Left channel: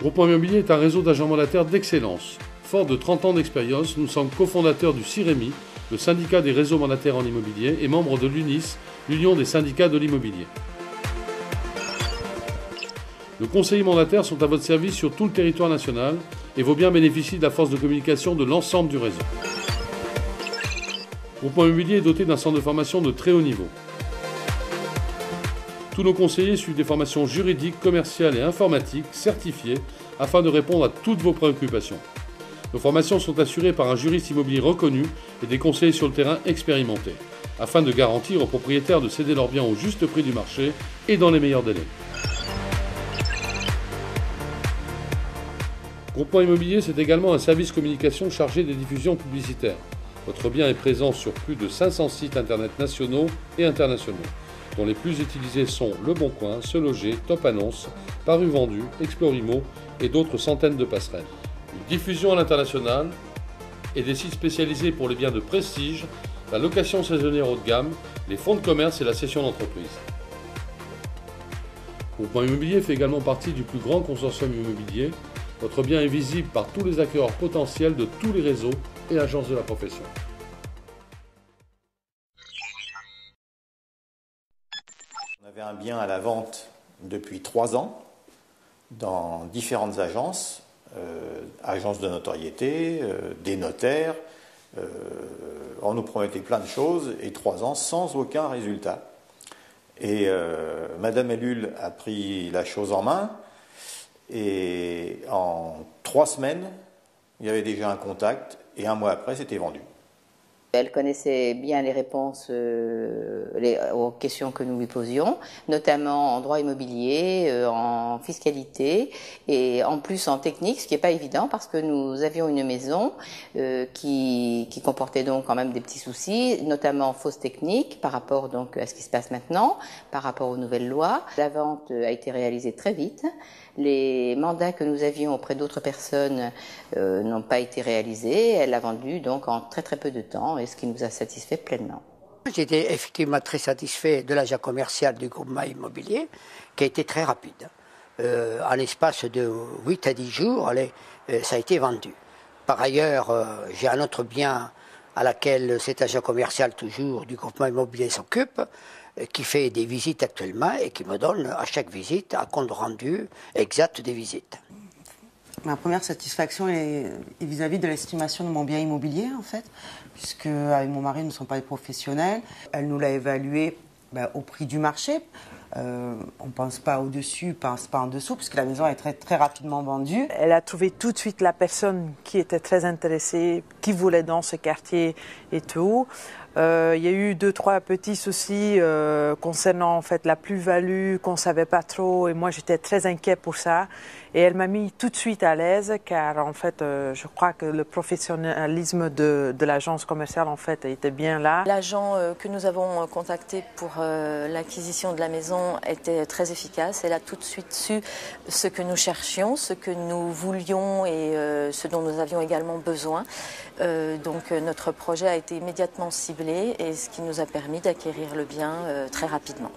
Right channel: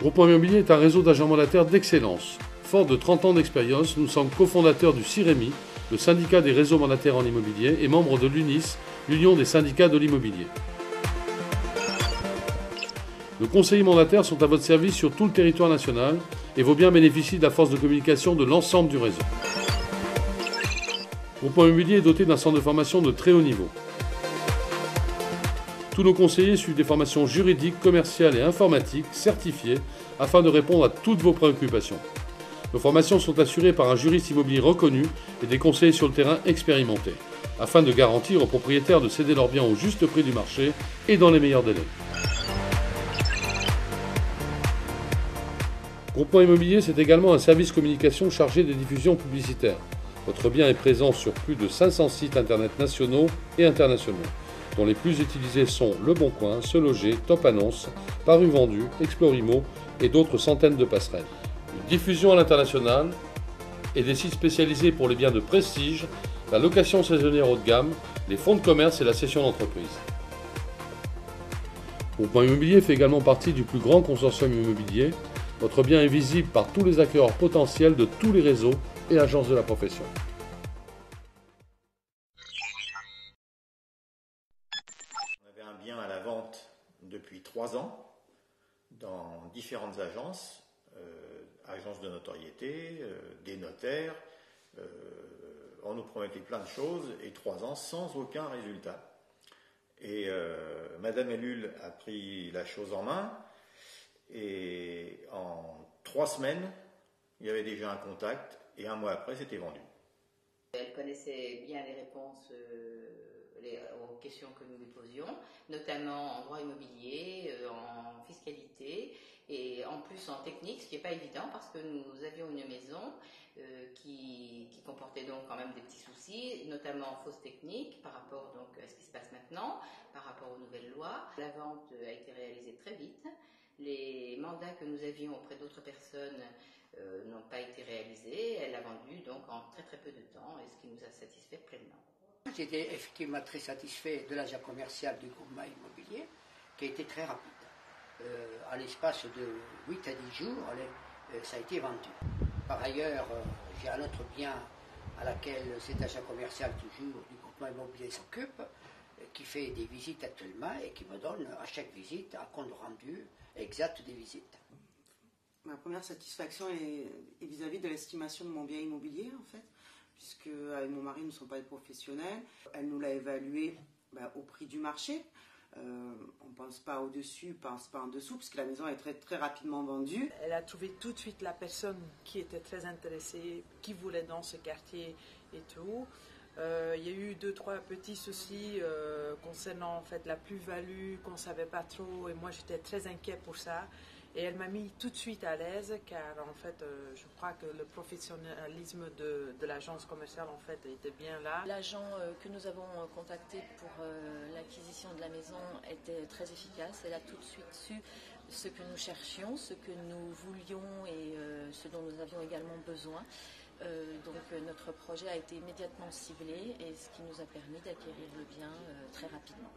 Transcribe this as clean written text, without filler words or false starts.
Groupement Immobilier est un réseau d'agents mandataires d'excellence. Fort de 30 ans d'expérience, nous sommes cofondateurs du CIREMI, le syndicat des réseaux mandataires en immobilier, et membres de l'UNIS, l'Union des syndicats de l'immobilier. Nos conseillers mandataires sont à votre service sur tout le territoire national et vos biens bénéficient de la force de communication de l'ensemble du réseau. Groupement Immobilier est doté d'un centre de formation de très haut niveau. Tous nos conseillers suivent des formations juridiques, commerciales et informatiques certifiées afin de répondre à toutes vos préoccupations. Nos formations sont assurées par un juriste immobilier reconnu et des conseillers sur le terrain expérimentés, afin de garantir aux propriétaires de céder leurs biens au juste prix du marché et dans les meilleurs délais. Groupement Immobilier, c'est également un service communication chargé des diffusions publicitaires. Votre bien est présent sur plus de 500 sites internet nationaux et internationaux, dont les plus utilisés sont Le Bon Coin, Se Loger, Top Annonce, Paru Vendu, Explorimo et d'autres centaines de passerelles. Une diffusion à l'international et des sites spécialisés pour les biens de prestige, la location saisonnière haut de gamme, les fonds de commerce et la cession d'entreprise. Groupement Immobilier fait également partie du plus grand consortium immobilier. Votre bien est visible par tous les acquéreurs potentiels de tous les réseaux et agences de la profession. On avait un bien à la vente depuis 3 ans dans différentes agences, agences de notoriété, des notaires. On nous promettait plein de choses et 3 ans sans aucun résultat. Et Madame Ellul a pris la chose en main et en 3 semaines, il y avait déjà un contact et 1 mois après, c'était vendu. Elle connaissait bien les réponses aux questions que nous lui posions, notamment en droit immobilier, en fiscalité et en plus en technique, ce qui n'est pas évident parce que nous avions une maison qui comportait donc quand même des petits soucis, notamment fausses techniques par rapport donc à ce qui se passe maintenant, par rapport aux nouvelles lois. La vente a été réalisée très vite. Les mandats que nous avions auprès d'autres personnes n'ont pas été réalisés. Elle a vendu donc en très très peu de temps, et ce qui nous a satisfait pleinement. J'étais effectivement très satisfait de l'achat commercial du groupement immobilier, qui a été très rapide. En l'espace de 8 à 10 jours, ça a été vendu. Par ailleurs, j'ai un autre bien à laquelle cet achat commercial toujours du groupement immobilier s'occupe, qui fait des visites actuellement et qui me donne à chaque visite un compte rendu exact des visites. Ma première satisfaction est vis-à-vis de l'estimation de mon bien immobilier, en fait, puisque avec mon mari, nous ne sommes pas des professionnels. Elle nous l'a évalué au prix du marché. On ne pense pas au-dessus, on ne pense pas en dessous, puisque la maison est très, très rapidement vendue. Elle a trouvé tout de suite la personne qui était très intéressée, qui voulait dans ce quartier et tout. Il y a eu 2-3 petits soucis concernant en fait la plus-value qu'on ne savait pas trop, et moi j'étais très inquiet pour ça. Et elle m'a mis tout de suite à l'aise, car en fait je crois que le professionnalisme de l'agence commerciale en fait était bien là. L'agent que nous avons contacté pour l'acquisition de la maison était très efficace. Elle a tout de suite su ce que nous cherchions, ce que nous voulions et ce dont nous avions également besoin. Donc notre projet a été immédiatement ciblé, et ce qui nous a permis d'acquérir le bien très rapidement.